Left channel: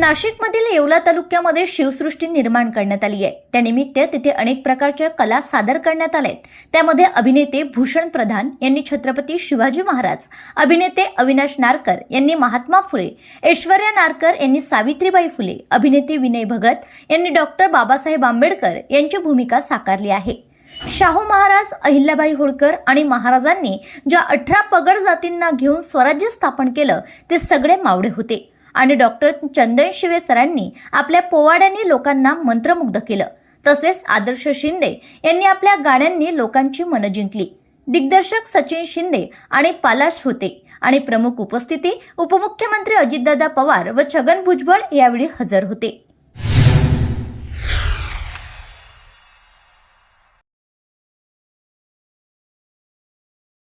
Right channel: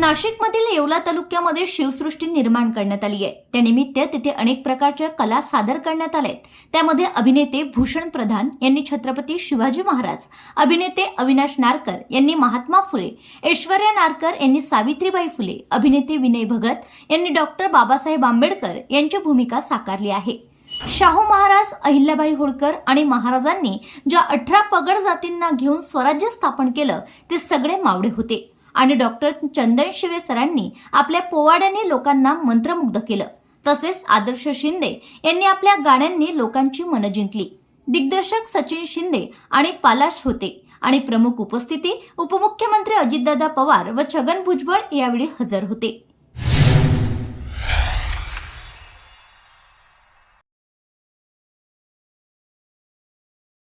नाशिकमधील येवला तालुक्यामध्ये शिवसृष्टी निर्माण करण्यात आली आहे. त्यानिमित्त तिथे अनेक प्रकारच्या कला सादर करण्यात आल्या आहेत. त्यामध्ये अभिनेते भूषण प्रधान यांनी छत्रपती शिवाजी महाराज अभिनेते अविनाश नारकर यांनी महात्मा फुले ऐश्वर्या नारकर यांनी सावित्रीबाई फुले अभिनेते विनय भगत यांनी डॉक्टर बाबासाहेब आंबेडकर यांची भूमिका साकारली आहे. शाहू महाराज अहिल्याबाई होळकर आणि महाराजांनी ज्या अठरा पगड जातींना घेऊन स्वराज्य स्थापन केलं ते सगळे मावळे होते. आणि डॉक्टर चंदन शिवे सरांनी आपल्या पोवाड्यांनी लोकांना मंत्रमुग्ध केलं. तसेच आदर्श शिंदे यांनी आपल्या गाण्यांनी लोकांची मनं जिंकली. दिग्दर्शक सचिन शिंदे आणि पालाश होते आणि प्रमुख उपस्थिती उपमुख्यमंत्री अजितदादा पवार व छगन भुजबळ यावेळी हजर होते.